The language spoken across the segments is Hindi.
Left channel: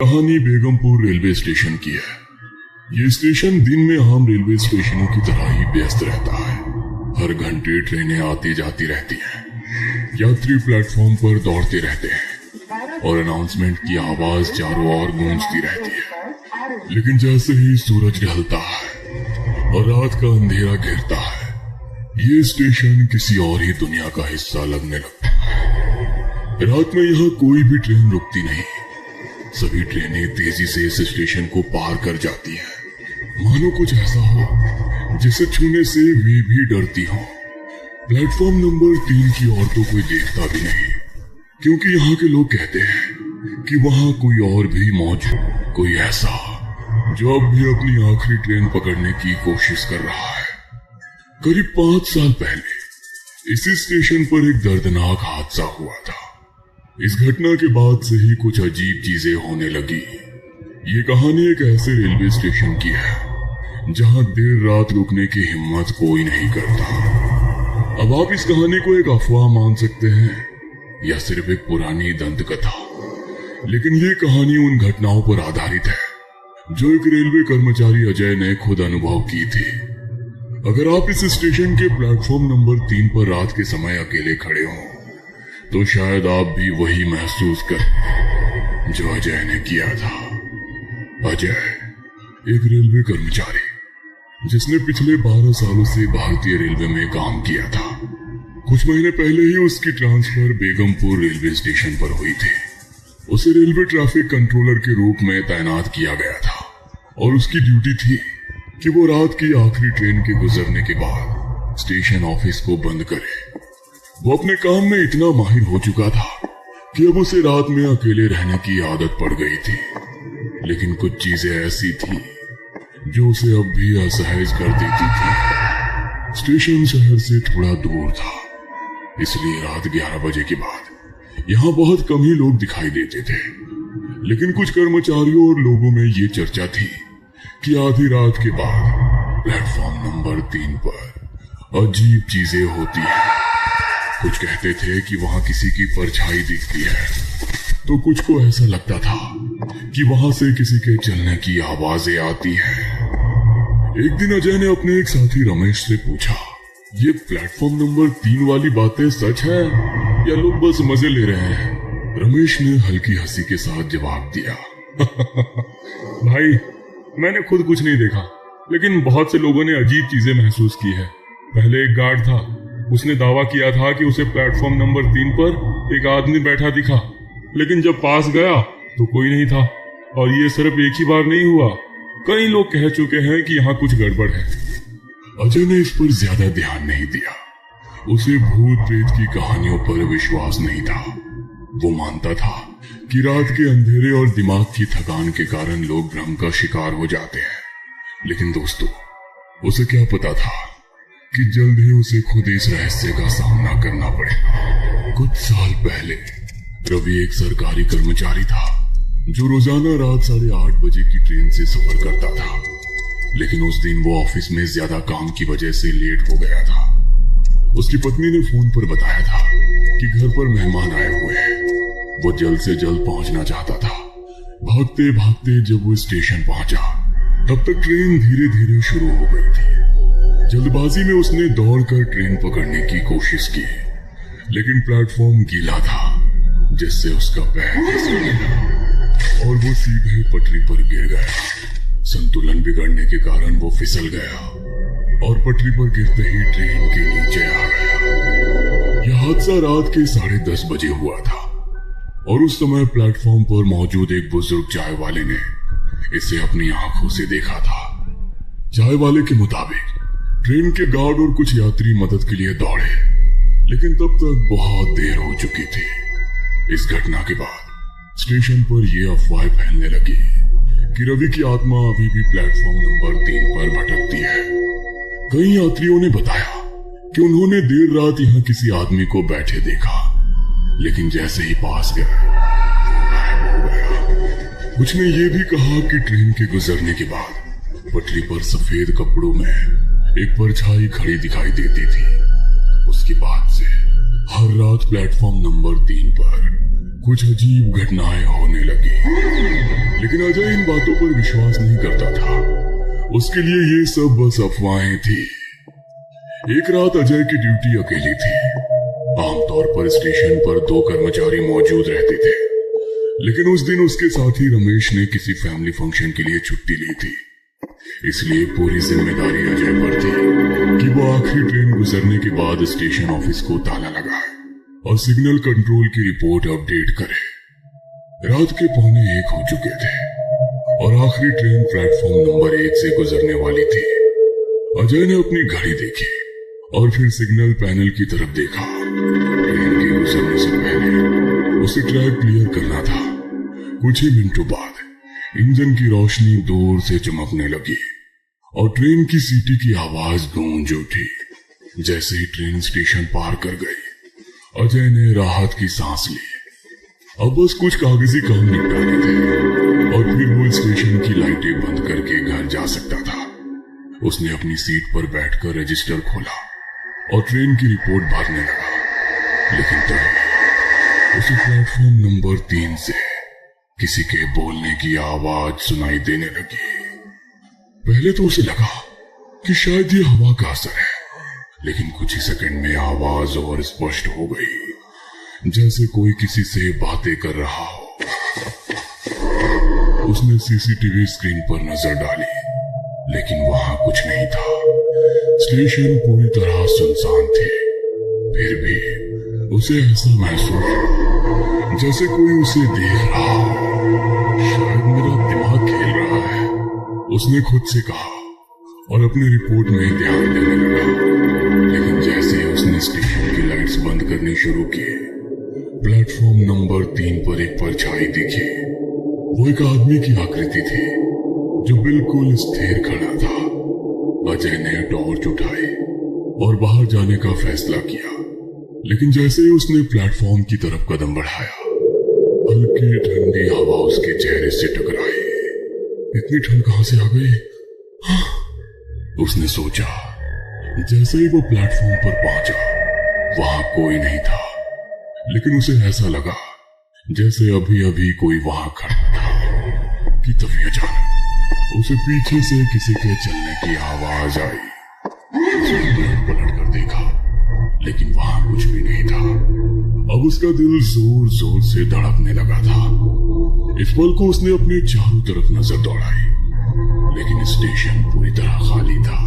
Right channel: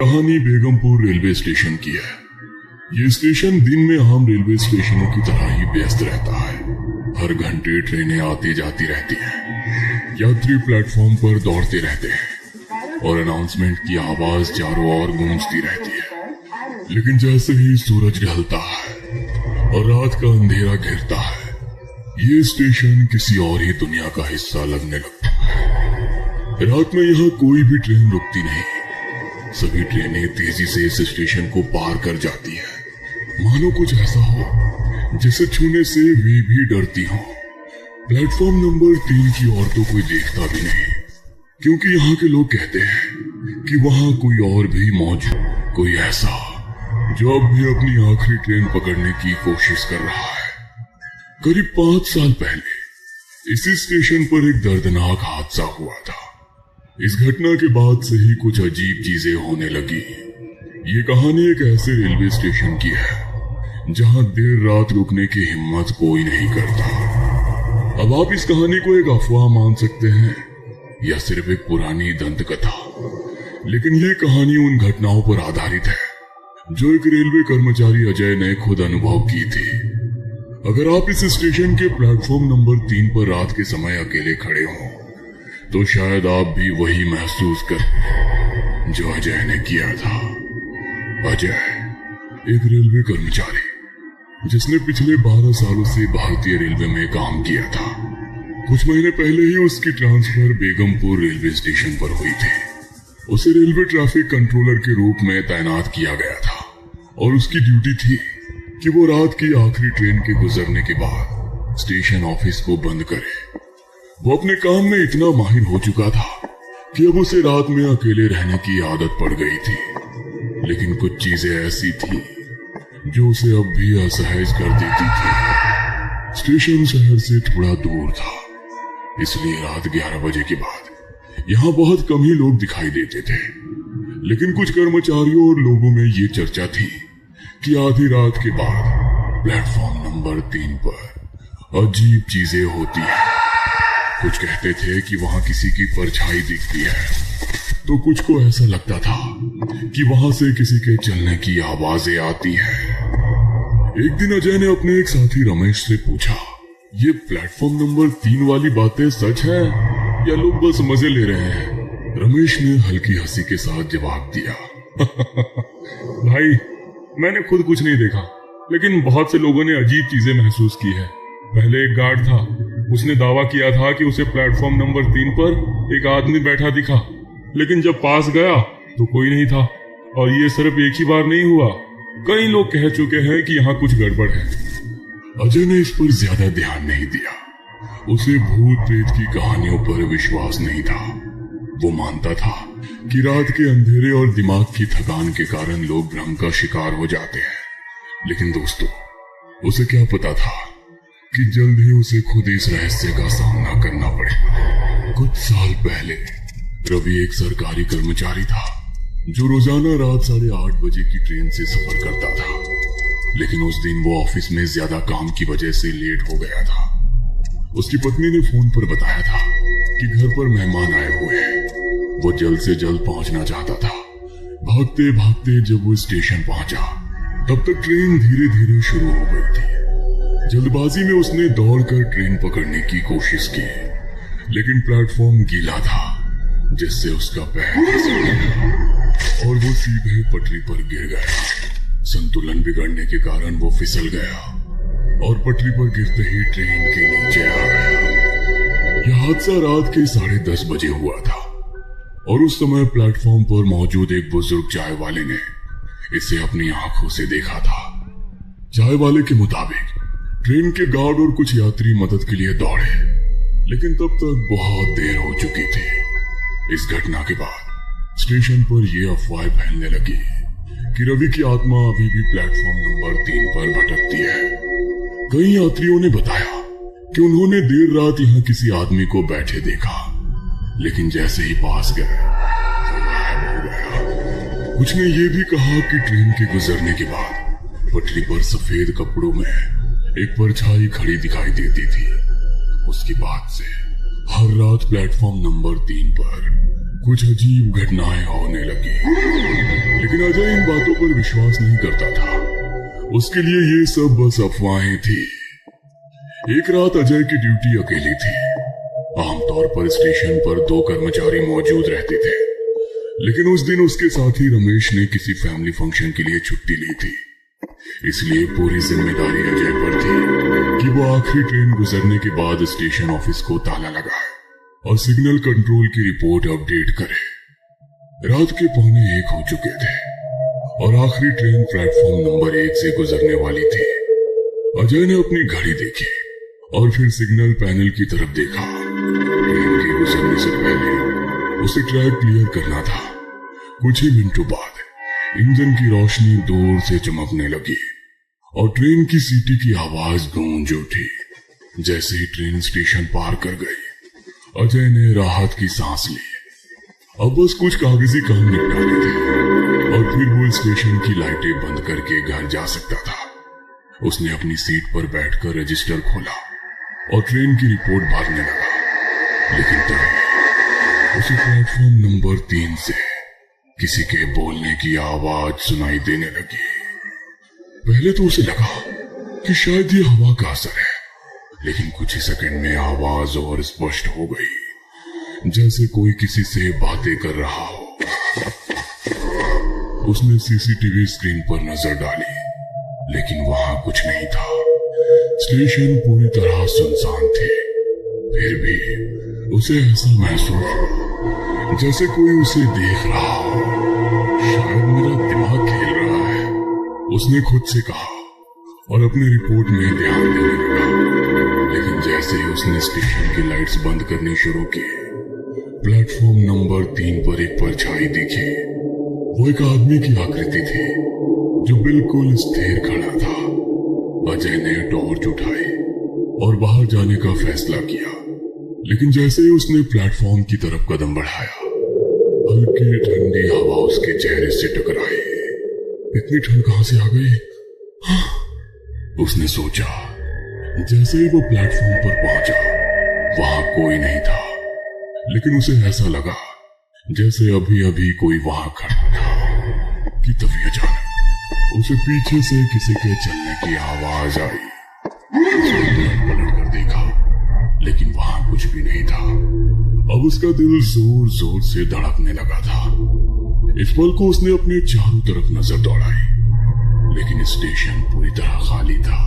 कहानी बेगमपुर रेलवे स्टेशन की है। ये स्टेशन दिन में आम रेलवे स्टेशनों की तरह ही व्यस्त रहता है। हर घंटे ट्रेनें आती जाती रहती हैं। यात्री प्लेटफॉर्म पर दौड़ते रहते हैं और अनाउंसमेंट की आवाज चारों ओर गूंजती रहती है। लेकिन जैसे ही सूरज ढलता है और रात का अंधेरा घिरता है, ये स्टेशन किसी और ही दुनिया का हिस्सा लगने लगता है। रात में यहाँ कोई भी ट्रेन रुकती नहीं। सभी ट्रेनें तेजी से इस स्टेशन को पार कर जाती है। मानो कुछ ऐसा हो जिसे छूने से वे भी डरती हो। प्लेटफॉर्म नंबर 3 की ओर तो कोई देखता भी नहीं, क्योंकि यहाँ के लोग कहते हैं कि वहाँ कोई और भी मौजूद, कोई ऐसा जो अब भी अपनी आखिरी ट्रेन पकड़ने की कोशिश कर रहा है। करीब 5 साल पहले इसी स्टेशन पर एक दर्दनाक हादसा हुआ था। इस घटना के बाद से ही कुछ अजीब चीजें होने लगी। ये कहानी एक ऐसे रेलवे स्टेशन की है जहां देर रात रुकने की हिम्मत कोई नहीं करता। अब आप इस कहानी को एक अफवाह मान सकते हैं या सिर्फ एक पुरानी दंत कथा, लेकिन यह कहानी उन घटनाओं पर आधारित है जो एक रेलवे कर्मचारी अजय ने खुद अनुभव की थी। अगर आप इस स्टेशन के प्लेटफॉर्म नंबर 3 पर रात के समय अकेले खड़े हों, तो शायद आप भी वही महसूस करें जो अजय ने किया था। अजय एक रेलवे कर्मचारी जिसने पिछले 12 सालों से भारतीय रेलवे में काम किया था। कुछ महीने पहले ही उसकी ट्रांसफर बेगमपुर रेलवे स्टेशन पर हुई थी। उसे रेलवे ट्रैफिक कंट्रोलर के रूप में तैनात किया गया था और उसकी ड्यूटी थी कि वो रात की आखिरी ट्रेन के गुजरने के बाद स्टेशन ऑफिस को बंद करे। वो अपने काम में इतना माहिर हो चुका था कि अब उसे रात में अकेले रहने की आदत पड़ गई थी। लेकिन कुछ चीजें ऐसी थी जो उसे अब भी असहज कर देती थी। स्टेशन शहर से थोड़ा दूर था, इसलिए रात 11 बजे के बाद यहाँ बहुत कम ही लोग दिखाई देते थे। लेकिन कुछ कर्मचारियों और लोगों में ये चर्चा थी कि आधी रात के बाद प्लेटफॉर्म नंबर 3 पर अजीब चीजें होती हैं। कुछ कहते थे कि वहां किसी की परछाई दिखती है, तो कुछ को ऐसा लगता था कि वहां से किसी के चलने की आवाजें आती हैं। एक दिन अजय ने अपने एक साथी रमेश से पूछा, ये प्लेटफॉर्म नंबर 3 वाली बातें सच है या लोग बस मजे ले रहे हैं? रमेश ने हल्की हंसी के साथ जवाब दिया, भाई मैंने खुद कुछ नहीं देखा, लेकिन बहुत से लोगों ने अजीब चीजें महसूस की हैं। पहले एक गार्ड था, उसने दावा किया था कि उसे प्लेटफॉर्म नंबर 3 पर एक आदमी बैठा दिखा, लेकिन जब पास गया तो कोई नहीं था। और ये सिर्फ एक ही बार नहीं हुआ, कई लोग कह चुके हैं कि यहाँ कुछ गड़बड़ है। अजय ने इस पर ज्यादा ध्यान नहीं दिया। उसे भूत प्रेत की कहानियों पर विश्वास नहीं था। वो मानता था कि रात के अंधेरे और दिमाग की थकान के कारण लोग भ्रम का शिकार हो जाते हैं। लेकिन दोस्तों, उसे क्या पता था कि जल्द ही उसे खुद इस रहस्य का सामना करना पड़ेगा। कुछ साल पहले रवि एक सरकारी कर्मचारी था जो रोजाना रात 8:30 बजे की ट्रेन से सफर करता था। लेकिन उस दिन वो ऑफिस में ज्यादा काम की वजह से लेट हो गया था। उसकी पत्नी ने फोन पर बताया था कि घर पर मेहमान आए हुए हैं। वो जल्द से जल्द पहुंचना चाहता था। भागते भागते जब वो स्टेशन पहुंचा, तब तक ट्रेन धीरे धीरे शुरू हो गई थी। जल्दबाजी में उसने दौड़कर ट्रेन पकड़ने की कोशिश की, लेकिन प्लेटफॉर्म गीला था, जिससे उसका पैर फिसल गया और वो सीधे पटरी पर गिर गया। संतुलन बिगड़ने के कारण वो फिसल गया और पटरी पर गिरते ही ट्रेन के नीचे आ गया। यह हादसा रात के 10:30 बजे हुआ था और उस समय प्लेटफॉर्म पर मौजूद एक बुजुर्ग चाय वाले ने इसे अपनी आंखों से देखा था। चाय वाले के मुताबिक ट्रेन के गार्ड और कुछ यात्री मदद के लिए दौड़े, लेकिन तब तक बहुत देर हो चुकी थी। इस घटना के बाद स्टेशन पर यह अफवाह फैलने लगी कि रवि की आत्मा अभी भी प्लेटफॉर्म नंबर 3 पर भटकती है। कई यात्रियों ने बताया कि उन्होंने देर रात यहाँ किसी आदमी को बैठे देखा, लेकिन जैसे ही पास गए वो गायब हो गया। कुछ ने यह भी कहा कि ट्रेन के गुजरने के बाद पटरी पर सफेद कपड़ों में एक परछाई खड़ी दिखाई देती थी। उसके बाद से हर रात प्लेटफॉर्म नंबर 3 पर कुछ अजीब घटनाएं होने लगी, लेकिन अजय इन बातों पर विश्वास नहीं करता था। उसके लिए ये सब बस अफवाहें थी। एक रात अजय की ड्यूटी अकेली थी। आमतौर पर स्टेशन पर 2 कर्मचारी मौजूद रहते थे, लेकिन उस दिन उसके साथी रमेश ने किसी फैमिली फंक्शन के लिए छुट्टी ली थी। इसलिए पूरी जिम्मेदारी अजय पर थी कि वो आखिरी ट्रेन गुजरने के बाद स्टेशन ऑफिस को ताला लगाए और सिग्नल कंट्रोल की रिपोर्ट अपडेट करे। रात के 1:45 हो चुके थे और आखिरी ट्रेन प्लेटफॉर्म नंबर 1 से गुजरने वाली थी। अजय ने अपनी घड़ी देखी और फिर सिग्नल पैनल की तरफ देखा। ट्रेन के गुजरने से पहले उसे ट्रैक क्लियर करना था। कुछ ही मिनटों बाद इंजन की रोशनी दूर से चमकने लगी और ट्रेन की सीटी की आवाज गूंज उठी। जैसे ही ट्रेन स्टेशन पार कर गई, अजय ने राहत की सांस ली। अब बस कुछ कागजी काम निपटाने थे और फिर वो स्टेशन की लाइटें बंद करके घर जा सकता था। उसने अपनी सीट पर बैठकर रजिस्टर खोला और ट्रेन की रिपोर्ट भरने लगा। लेकिन तभी उसे प्लेटफॉर्म नंबर 3 से किसी के बोलने की आवाज सुनाई देने लगी। पहले तो उसे लगा कि शायद ये हवा का असर है, लेकिन कुछ ही सेकंड में आवाज और स्पष्ट हो गई, जैसे कोई किसी से बातें कर रहा हो। उसने सीसीटीवी स्क्रीन पर नजर डाली, लेकिन वहां कुछ नहीं था। स्टेशन पूरी तरह सुनसान थे। फिर भी उसे ऐसा महसूस हुआ जैसे कोई उसे देख रहा हो। शायद मेरा दिमाग खेल रहा है, उसने खुद से कहा और अपने रिपोर्ट में ध्यान देने लगा। लेकिन जैसे ही उसने स्टेशन की लाइट्स बंद करनी शुरू की, प्लेटफॉर्म नंबर 3 पर एक परछाई दिखी। वो एक आदमी की आकृति थी जो बिल्कुल स्थिर खड़ा था। अजय ने टॉर्च उठाई और बाहर जाने का फैसला किया, लेकिन जैसे ही उसने प्लेटफॉर्म की तरफ कदम बढ़ाया, हल्की ठंडी हवा उसके चेहरे से टकराई। इतनी ठंड कहां से आ गई? उसने सोचा। जैसे ही वो प्लेटफॉर्म पर पहुंचा, वहां कोई नहीं था, लेकिन उसे ऐसा लगा जैसे अभी अभी कोई वहां खड़ा था। कि तभी अचानक उसे पीछे से किसी के चलने की आवाज आई। उसने पलट कर देखा, लेकिन वहां कुछ भी नहीं था। अब उसका दिल जोर जोर से धड़कने लगा था। इस पल को उसने अपने चारों तरफ नजर दौड़ाई, लेकिन स्टेशन पूरी तरह खाली था।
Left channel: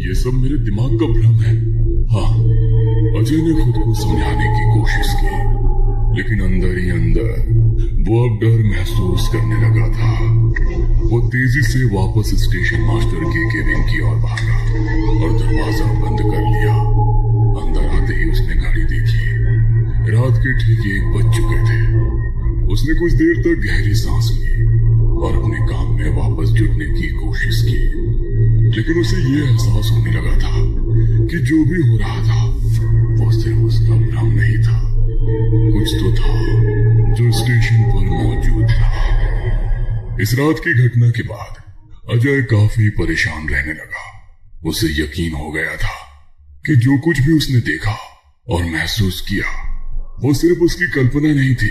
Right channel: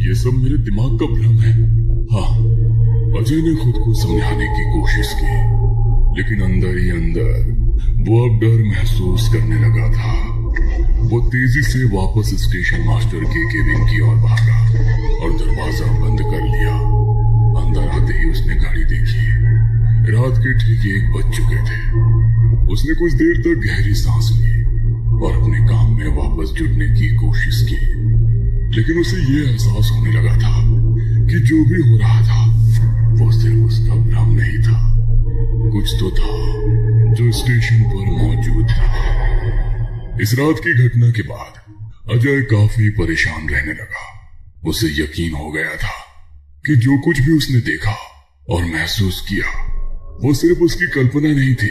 ये सब मेरे दिमाग का भ्रम है। हाँ, अजय ने खुद को समझाने की कोशिश की, लेकिन अंदर ही अंदर वो अब डर महसूस करने लगा था। वो तेजी से वापस स्टेशन मास्टर के केबिन की ओर भागा और दरवाजा बंद कर लिया। अंदर आते ही उसने घड़ी देखी। रात के ठीक 1 बज चुके थे। उसने कुछ देर तक गहरी सांस ली और अपने काम में वापस जुटने की कोशिश की, लेकिन उसे ये एहसास होने लगा था कि जो भी हो रहा था वो सिर्फ उसका भ्रम नहीं था। कुछ तो था जो स्टेशन पर मौजूद था। इस रात की घटना के बाद अजय काफी परेशान रहने लगा। उसे यकीन हो गया था कि जो कुछ भी उसने देखा और महसूस किया वो सिर्फ उसकी कल्पना नहीं थी।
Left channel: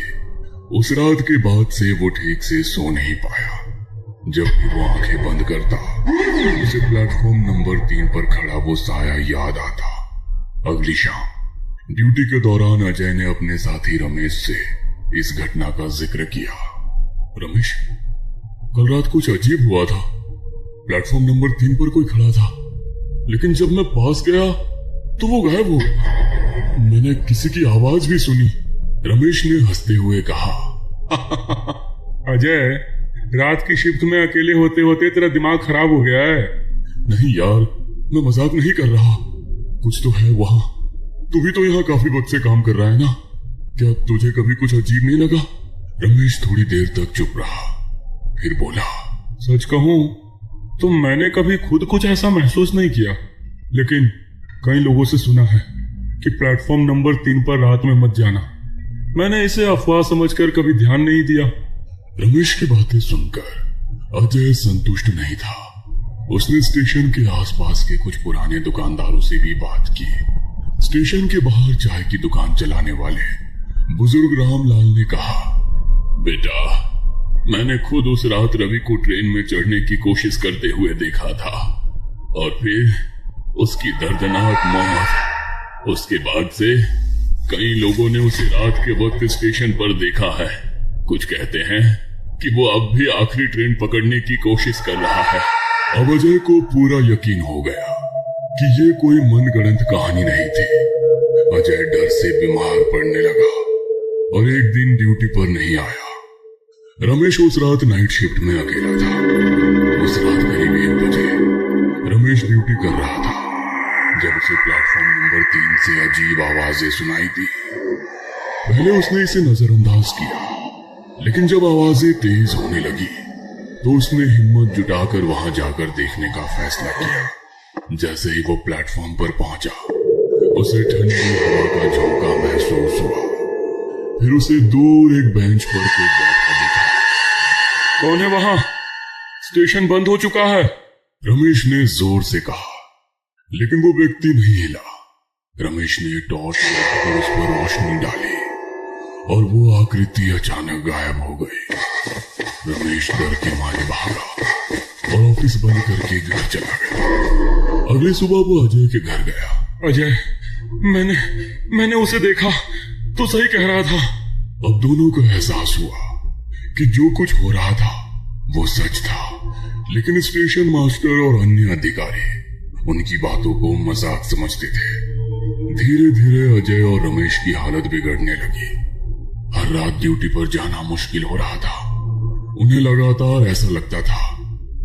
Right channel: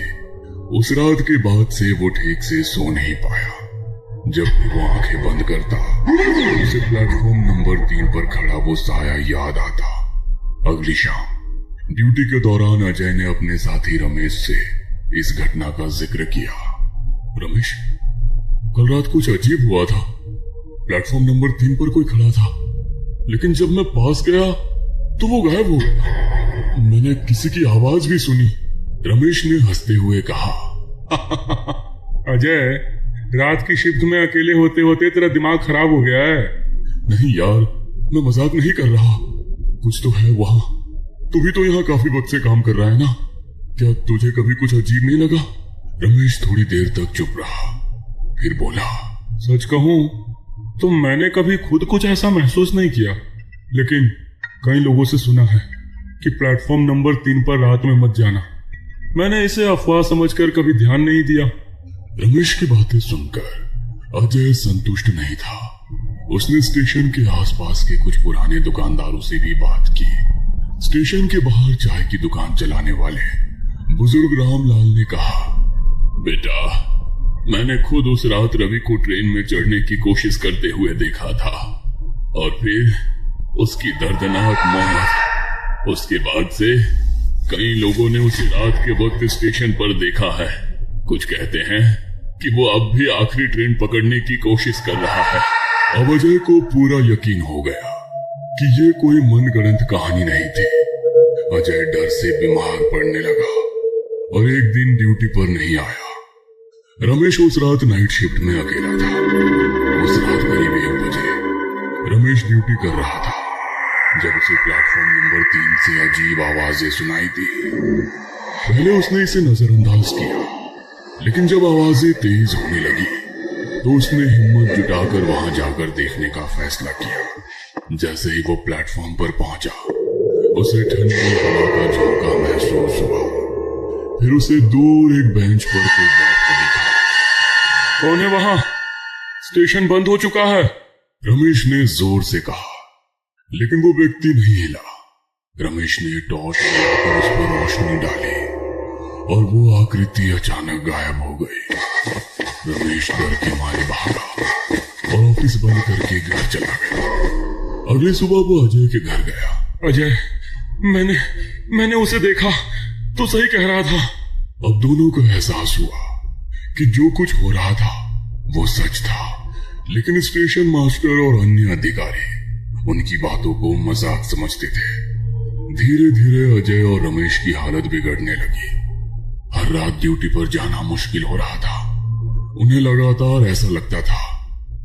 उस रात के बाद से वो ठीक से सो नहीं पाया। जब भी वो आंखें बंद करता, उसे प्लेटफॉर्म नंबर 3 पर खड़ा वो साया याद आता। अगली शाम ड्यूटी के दौरान अजय ने अपने साथी रमेश से इस घटना का जिक्र किया। रमेश, कल रात कुछ अजीब हुआ था। प्लेटफॉर्म नंबर 3 पर कोई खड़ा था, लेकिन जब मैं पास गया तो वो गायब हो गया। मैंने किसी की आवाज भी सुनी। रमेश ने हंसते हुए कहा। अजय, रात की शिफ्ट में अकेले होते होते तेरा दिमाग खराब हो गया है। नहीं यार, मैं मजाक नहीं कर रहा। कुछ तो है वहां। तू भी तो यहाँ काफी वक्त से काम कर रहा है ना? क्या तुझे कभी कुछ अजीब नहीं लगा? रमेश थोड़ी देर तक चुप रहा, फिर बोला, सच कहूं तो मैंने कभी खुद कुछ ऐसा महसूस नहीं किया, लेकिन कई लोगों से सुना है कि प्लेटफॉर्म नंबर 3 पर रात में मत जाना। मैंने इसे अफवाह समझकर कभी ध्यान नहीं दिया। रमेश की बातें सुनकर अजय संतुष्ट नहीं था। उसने स्टेशन के आसपास के कुछ पुराने दुकानदारों से भी बात की। स्टेशन के बाहर चाय की दुकान चलाने वाले बुजुर्ग रामलाल ने कहा, बेटा, मैंने खुद उस रात रवि को ट्रेन में चढ़ने की कोशिश करते हुए देखा था और फिर उसकी दर्दनाक मौत। उसके बाद से कई लोगों ने उसे रात के वक्त स्टेशन पर देखा है। कुछ कहते हैं कि वो अब भी आखिरी ट्रेन पकड़ने की कोशिश कर रहा है। अब अजय को पूरा यकीन हो गया कि ये कोई मनगढ़ंत कहानी नहीं थी। अजय डर से बीमार पड़ने लगा और एक दिन ड्यूटी पर नहीं आया। रमेश उस रात नाइट शिफ्ट में अकेला था। उस रात करीब 1 बजे रमेश ड्यूटी कर रहा था जब उसे प्लेटफॉर्म नंबर 3 से अजीब आवाजें सुनाई दी। पहले उसने इसे नजरअंदाज किया, लेकिन जब आवाजें तेज होने लगी तो उसने हिम्मत जुटाकर वहां जाकर देखने का फैसला किया। जैसे ही वो प्लेटफॉर्म पर पहुंचा, उसे ठंडी हवा का झोंका महसूस हुआ। फिर उसे दूर एक बेंच पर कोई बैठा दिखा। कौन है वहां? स्टेशन बंद हो चुका है, रमेश ने जोर से कहा, लेकिन वो व्यक्ति नहीं हिला। रमेश ने टॉर्च लेकर उस पर रोशनी डाली और वो आकृति अचानक गायब हो गई। रमेश डर के मारे भागा और ऑफिस बंद करके घर चला गया। अगली सुबह वो अजय के घर गया। अजय, मैंने उसे देखा तो सही कह रहा था। अब दोनों को एहसास हुआ कि जो कुछ हो रहा था वो सच था, लेकिन स्टेशन मास्टर और अन्य अधिकारी उनकी बातों को मजाक समझते थे। धीरे धीरे अजय और रमेश की हालत बिगड़ने लगी। हर रात ड्यूटी पर जाना मुश्किल हो रहा था। उन्हें लगातार ऐसा लगता था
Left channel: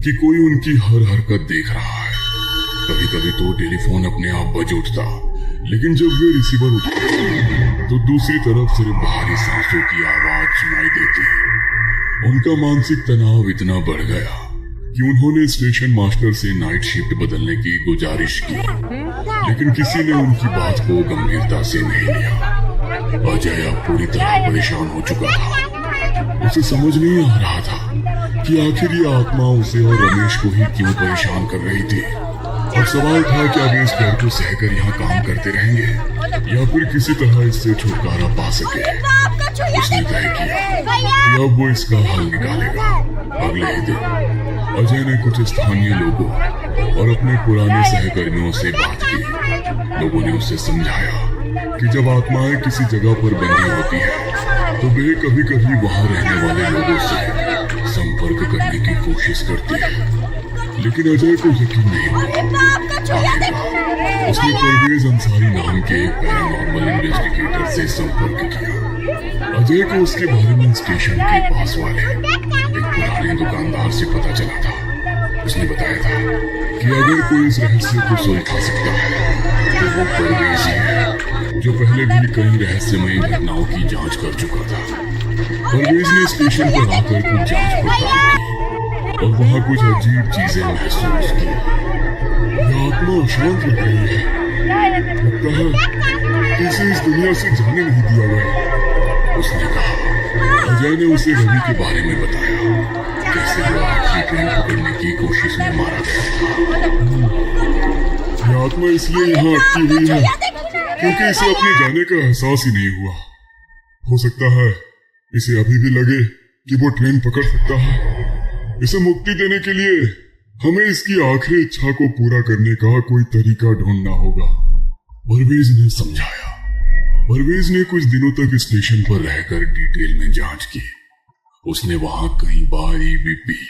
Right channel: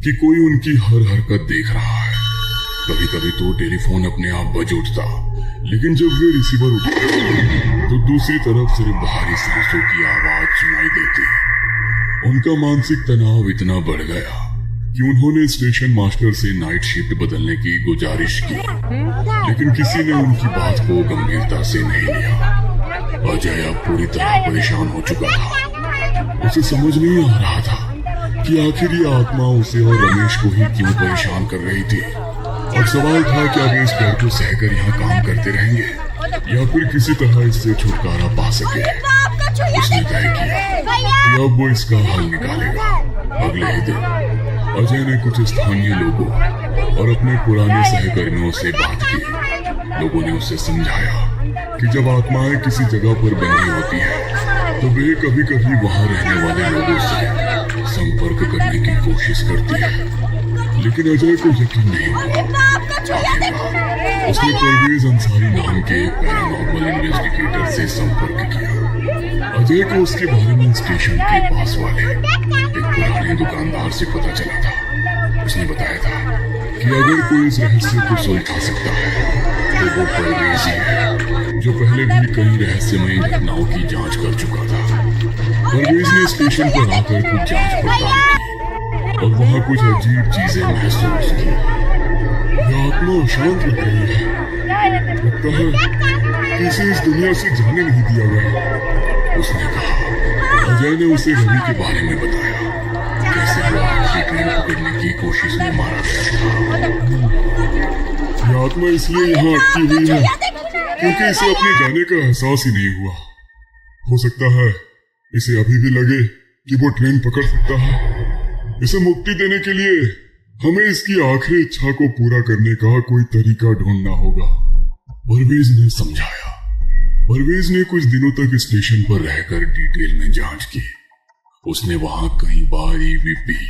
कि कोई उनकी हर हरकत देख रहा है। कभी कभी तो टेलीफोन अपने आप बज उठता, लेकिन जब भी रिसीवर उठा तो दूसरी तरफ सिर्फ भारी सांसों की आवाज सुनाई देती। उनका मानसिक तनाव इतना बढ़ गया कि उन्होंने स्टेशन मास्टर से नाइट शिफ्ट बदलने की गुजारिश की, लेकिन किसी ने उनकी बात को गंभीरता से नहीं लिया। अजय अब पूरी तरह परेशान हो चुका था। उसे समझ नहीं आ रहा था कि आखिर ये आत्मा उसे और रमेश को ही क्यों परेशान कर रही थी। अब सवाल था कि आगे इस डर को सहकर यहाँ काम करते रहेंगे या फिर किसी तरह इससे छुटकारा पा सके। उसने तय किया कि अब वो इसका हल निकालेगा। अगले ही दिन अजय ने कुछ स्थानीय लोगों और अपने पुराने सहकर्मियों से बात की। लोगों ने उसे समझाया कि जब आत्माएं किसी जगह पर बंधी होती है तो वे कभी कभी वहां रहने वाले लोगों से संपर्क करने की कोशिश करती है, लेकिन अजय को यकीन नहीं हुआ। उसने परवेज अंसारी नाम के पैरानॉर्मल इन्वेस्टिगेटर से संपर्क किया। अजय को उसके बारे में स्टेशन के पास वाले एक पुराने दुकानदार से पता चला था। उसने बताया था कि अगर कोई इस रहस्य को सुलझा सकता है तो वो परवेज है, जो पहले भी कई रहस्यमय घटनाओं की जांच कर चुका था। परवेज ने स्टेशन पर आकर कुछ जांच और वहाँ कुछ अजीब चीजें महसूस की। आत्मा शांत हो गई है, किसी इस दुनिया से जाने नहीं दिया गया। उसने कहा। अजय ने उसे रवि के बारे में बताया, कैसे वो आखिरी ट्रेन पकड़ने की कोशिश में मारा गया। आत्मा इसलिए यहाँ अटकी हुई है क्योंकि इसे अपने जाने का एहसास ही नहीं हुआ। हो सकता है इसे अभी भी लगे कि वो ट्रेन पकड़ सकता है। इसे मुक्ति देने के लिए हमें इसकी आखिरी इच्छा को पूरा करने का कोई तरीका ढूंढना होगा, परवेज ने समझाया। परवेज ने कुछ दिनों तक स्टेशन पर रहकर डिटेल में जांच की। उसने वहां कई बार EVP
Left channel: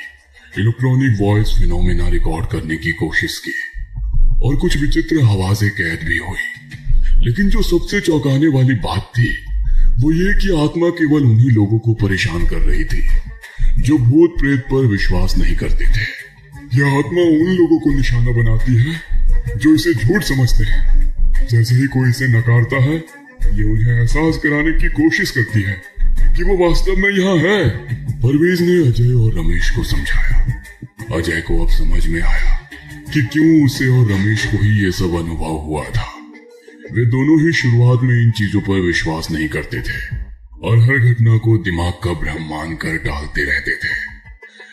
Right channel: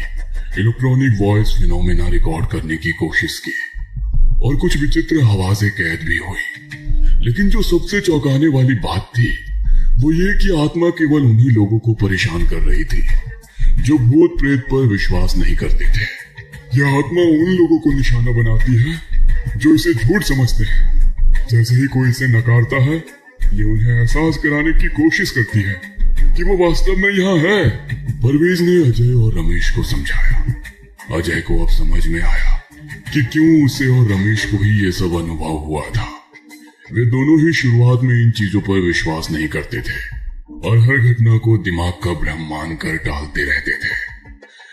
electronic voice phenomena record करने की कोशिश की और कुछ विचित्र आवाजें कैद भी हुई। लेकिन जो सबसे चौंकाने वाली बात थी वो ये कि आत्मा केवल उन्हीं लोगों को परेशान कर रही थी जो भूत प्रेत पर विश्वास नहीं करते थे। यह आत्मा उन लोगों को निशाना बनाती है जो इसे झूठ समझते हैं। जैसे ही कोई इसे नकारता है, ये उन्हें एहसास कराने की कोशिश करती है कि वो वास्तव में यहाँ है। परवेज ने अजय और रमेश को समझाया। अजय को अब समझ में आया कि क्यों उसे और रमेश को ही ये सब अनुभव हुआ था। वे दोनों ही शुरुआत में इन चीजों पर विश्वास नहीं करते थे और हर घटना को दिमाग का भ्रम मानकर टालते रहते थे।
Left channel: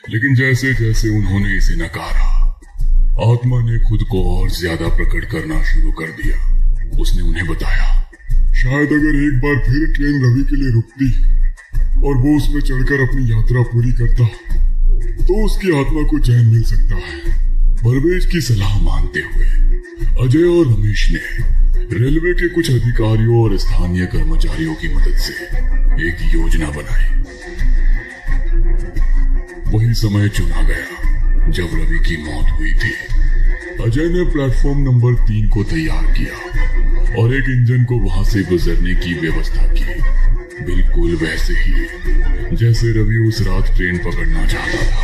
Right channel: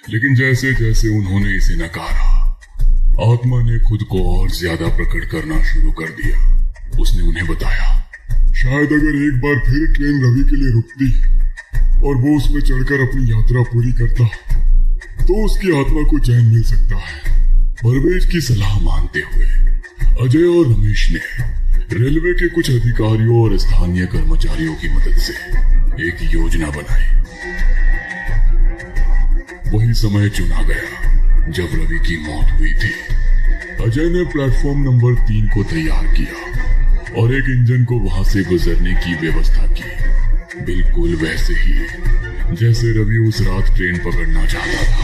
लेकिन जैसे जैसे उन्होंने इसे नकारा, आत्मा ने खुद को और ज्यादा प्रकट करना शुरू कर दिया। उसने उन्हें बताया शायद अगर एक बार फिर ट्रेन रवि के लिए रुकती और वो उसमें चढ़कर अपनी यात्रा पूरी करता तो उसकी आत्मा को चैन मिल सकता है। परवेज की सलाह मानते हुए अजय और रमेश ने रेलवे के कुछ अधिकारियों और स्थानीय कर्मचारियों की मदद से एक योजना बनाई। वही समय चुना गया जब रवि की मौत हुई थी। अजय ने प्लेटफॉर्म नंबर 3 को तैयार किया और एक इंजन को वहां से गुजरने की व्यवस्था की, बिल्कुल वैसे ही जैसे रवि उस रात ट्रेन पकड़ना चाहता था।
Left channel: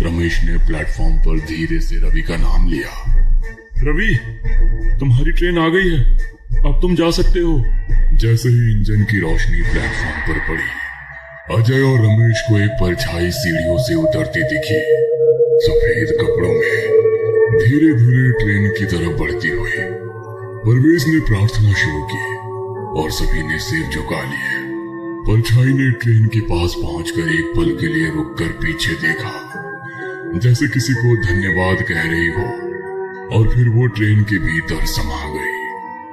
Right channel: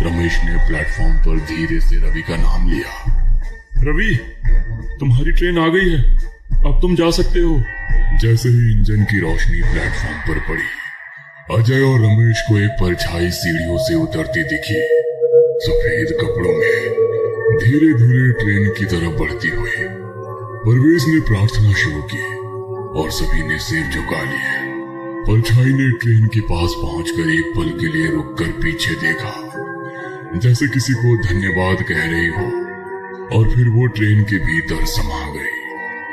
रमेश ने प्लेटफॉर्म पर धीरे से रवि का नाम लिया। रवि, तुम्हारी ट्रेन आ गई है, अब तुम जा सकते हो। जैसे ही इंजन की रोशनी प्लेटफॉर्म पर पड़ी, अजय और रमेश को एक परछाई सीढ़ियों से उतरती दिखी, सफेद कपड़ों में, धीरे धीरे ट्रेन की तरफ बढ़ती हुई। परवेज ने प्रार्थना शुरू की और सभी ने सिर झुका लिए। परछाई ने ट्रेन के पास पहुंचकर एक पल के लिए रुककर पीछे देखा, जैसे किसी को धन्यवाद कह रही हो, और फिर वो ट्रेन के भीतर समा गई।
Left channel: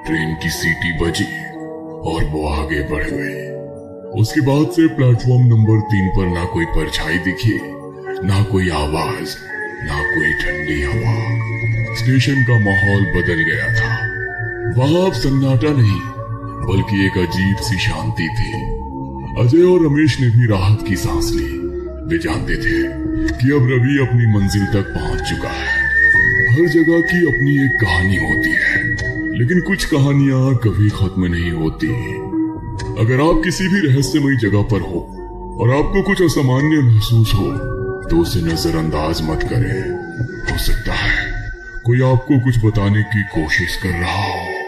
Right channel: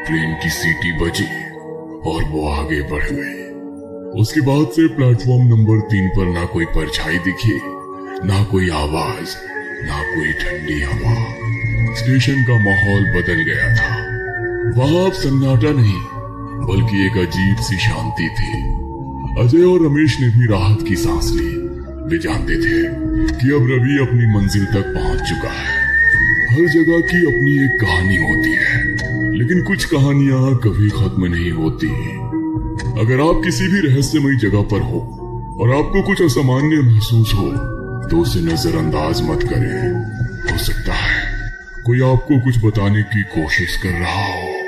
ट्रेन की सीटी बजी और वो आगे बढ़ गई। उसके बाद से प्लेटफॉर्म नंबर 3 पर ना कोई परछाई दिखी, ना कोई आवाज, ना कोई ठंडी हवा। स्टेशन का माहौल बदल गया था। वहां अब सन्नाटा नहीं, बल्कि एक अजीब सी शांति थी। अजय और रमेश ने भी राहत की सांस ली। वे जानते थे कि अब रवि अपनी मंजिल तक पहुंच चुका है। हर जगह की अपनी एक कहानी होती है, लेकिन कुछ कहानियां कभी खत्म नहीं होती। अगर आप किसी भी रहस्यमयी जगह पर हो और आपको कुछ असामान्य महसूस हो तो उसे नजरअंदाज मत करें। हो सकता है कोई आपको कुछ बताने की कोशिश कर रहा हो।